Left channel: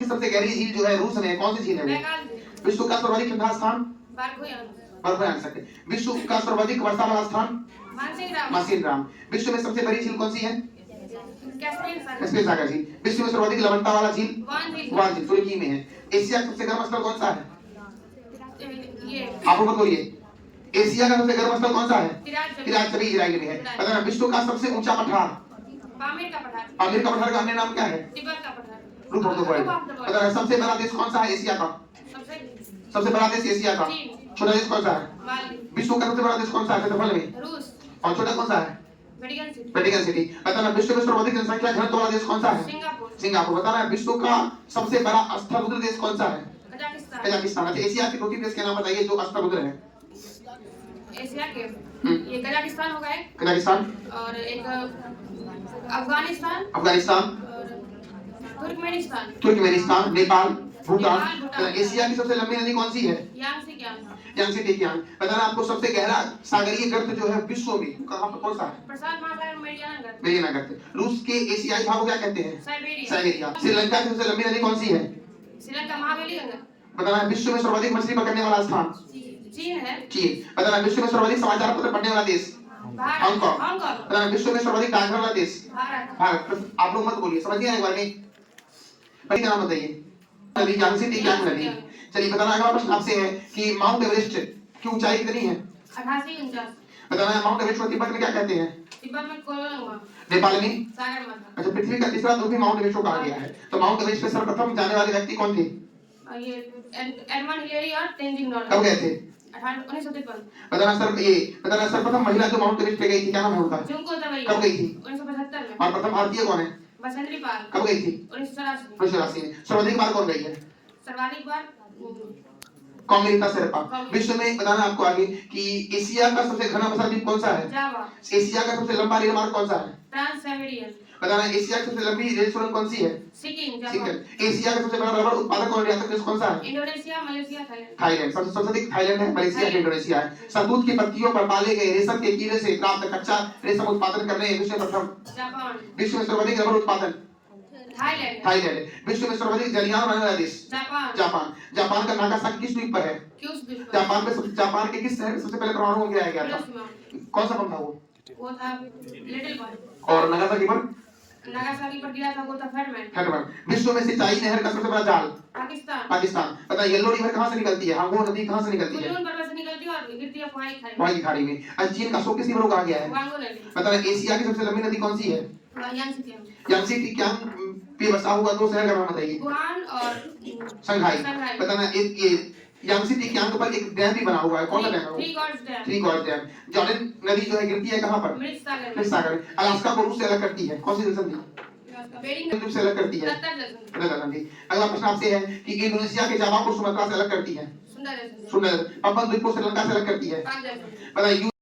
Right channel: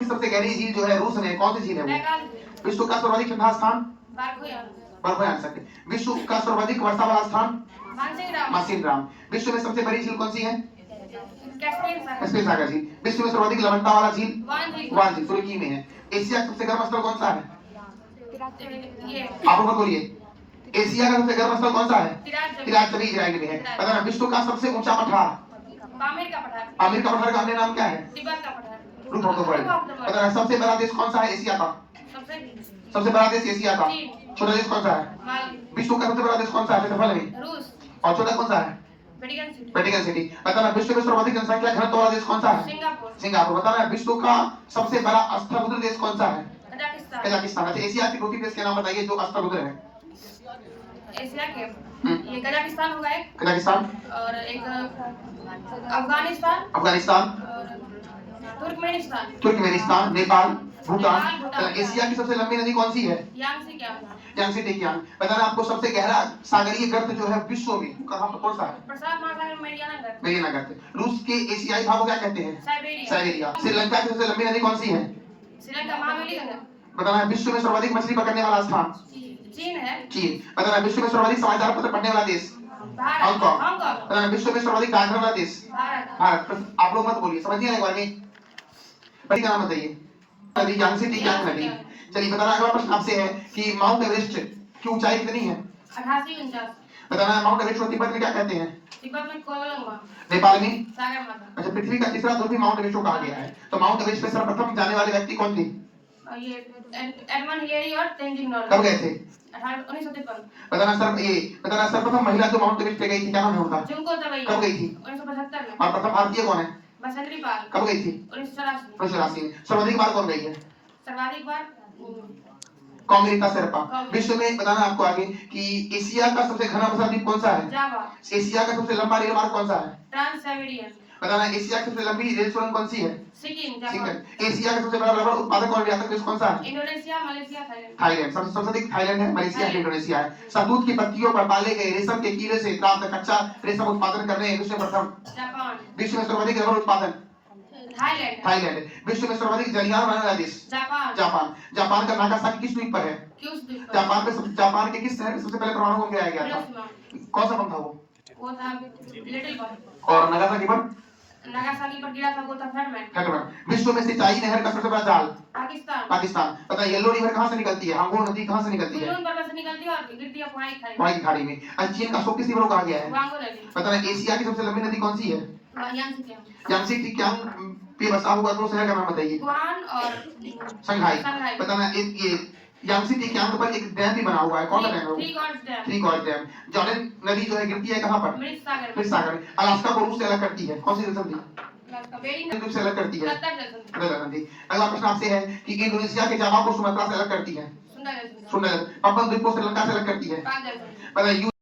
सबसे गहरी झील जो है रूस में, कौन सी झील है वो? विश्व का सर्वाधिक ठंडा स्थान? बर्फयान सकते। विश्व का सर्वाधिक वर्षा वाला स्थान? मासिनराम। विश्व में सबसे बड़ी झील कौन सी है? कैस्पियन सागर झील। विश्व में सर्वाधिक लवणता वाला झील? वान झील, तुर्की में है। एशिया का सबसे गर्म स्थल कौन सा है? आप मत बोलिए। एशिया का सबसे गर्म स्थल कौन सा है? तिराज चबी इजराइल में है। बताना विश्व का सबसे ऊंचा पठार? पामीर का पठार। पामीर का पठार का अन्य नाम क्या है? तिब्बत का पठार। रूप ऑफ द वर्ल्ड। बताना सबसे बड़ा देश कौन सा है एशिया का? सबसे बड़ा देश एशिया का? छोटा देश कौन सा है? मालदीव। विश्व का सबसे बड़ा देश कौन सा है क्षेत्रफल में? रूस। और छोटा कौन सा है? Vatican city. बताना विश्व में सर्वाधिक जनसंख्या घनत्व वाला देश कौन सा है? सिंगापुर। बताना विश्व का सबसे बड़ा अष्टभुज देश कौन सा है? कजाकिस्तान। अच्छा, एशिया के 2-3 देश के नाम बताइए जो अष्टभुज है। एशिया के ये कजाकिस्तान होगा एक, कजाकिस्तान और एक अफगानिस्तान और तुर्कमेनिस्तान, नेपाल, भूटान। एशिया की सबसे लंबी नदी कौन सी है? यांगसे टेकियांग। बताना आपको सबसे गहरा सागरीय गर्त जो है विश्व में कहां पर कौन सा है? प्रशांत महासागर में मेरियाना गर्त। रूस के एशियाई भाग को क्या कहते हैं? साइबेरिया। श्रीलंका की सबसे लंबी नदी कौन सी है? श्रीलंका महाबली गंगा। बताना विश्व में सर्वाधिक मछली पकड़ने वाला स्थान? चीन है। चीन। बताना विश्व में सर्वाधिक समाचार पत्र पढ़ने वाला देश? हांगकांग। बताना विश्व में सर्वाधिक डाकघर वाला देश? भारत। आप लोग मत बोलिए, समझिए एक बार में बड़ी नाम बताइए। नदी यांगसे टेकियांग नदी। चलिए बताना अगला प्रश्न आपसे है कि माउंट एवरेस्ट की ऊंचाई कितनी है? 88-49। बताना माउंट एवरेस्ट को तिब्बत में क्या कहते हैं? तिब्बत में कोवलंगमा। नेपाल में सागरमाथा। अच्छा, पृथ्वी का तीसरा ध्रुव भी माउंट एवरेस्ट को कहा गया है। तो माउंट एवरेस्ट पे सर्वप्रथम जाने वाले व्यक्ति कौन थे? ये एडमंड हिलेरी और तेंजिंग नोर्गे। कब गए थे? 1953। बताना सर्वप्रथम महिला जो माउंट एवरेस्ट पे गई थी क्या नाम है उनका? जुंको तबई। कब गई थी? 1975 में। और प्रथम भारतीय कौन है? बसंती पाल। कब गई थी? 1984 में। सर्वाधिक बार कौन गई है? सर्वाधिक बार कॉन्गेलिका शेर्पा। विश्व में बताना आपको आगे कि एशिया का सबसे घना बसा द्वीप कौन सा है? जावा। एशिया का सबसे लंबा रेल मार्ग कौन सा है? Trans Siberian. बताना एशिया की सबसे लंबी रेल सुरंग कौन सी है? सिक्किम। एशिया का सबसे बड़ा रबर उत्पादक और निर्यातक देश कौन सा है? Indonesia, Malaysia, Thailand. सबसे अधिक थाईलैंड है, मलेशिया है, इंडोनेशिया है। शहतूत की पत्तियों पर पाले गए रेशम के कीड़े से प्राप्त कच्चा रेशम उत्पादन करने में विश्व में प्रथम? जापान। विश्व में सर्वाधिक रबर उत्पादन? थाईलैंड। विश्व में सर्वाधिक जलयान बनाने वाला देश? जापान। जापान का नागासाकी किस द्वीप पर है? जापान के किस शहर में सबसे पहले परमाणु बम गिराया गया था? कौन सा बम था वो? वो था लिटिल बॉय। और नागासाकी पर गिरा था वो था फैटमैन। विश्व में सिंचाई नहर का सबसे बड़ा जाल? पाकिस्तान। पता है येलो रिवर कहां से निकलती है? हांगो नदी कहां से निकलती है? कुनलुन पर्वत से निकलती है और गिरती है वहां की खाड़ी में। और चीन का अशोक किस रिवर को कहा गया है? वांगो नदी। पता है एशिया की सबसे लंबी नदी कौन सी है? यांगसे टेकियांग पे बसा हुआ दो शहर का नाम बताइए। वुहान और शंघाई। बताना ये यांगसे टेकियांग पर एक डैम भी बना हुआ है, कौन सा डैम है वो? Three gorge dam. जॉर्डन नदी जो है गिरती है कहां पर? मृत सागर में। अलास्का को रूस से अलग करती है कौन सी नदी? बेरिंग से अलग करती है नदी। अगला प्रश्न आपसे है कि इंडोनेशिया के जावा को सुमात्रा से अलग करती है? सुंदर। पापुआ द्वीप को श्रीलंका से अलग करती है? बताइए।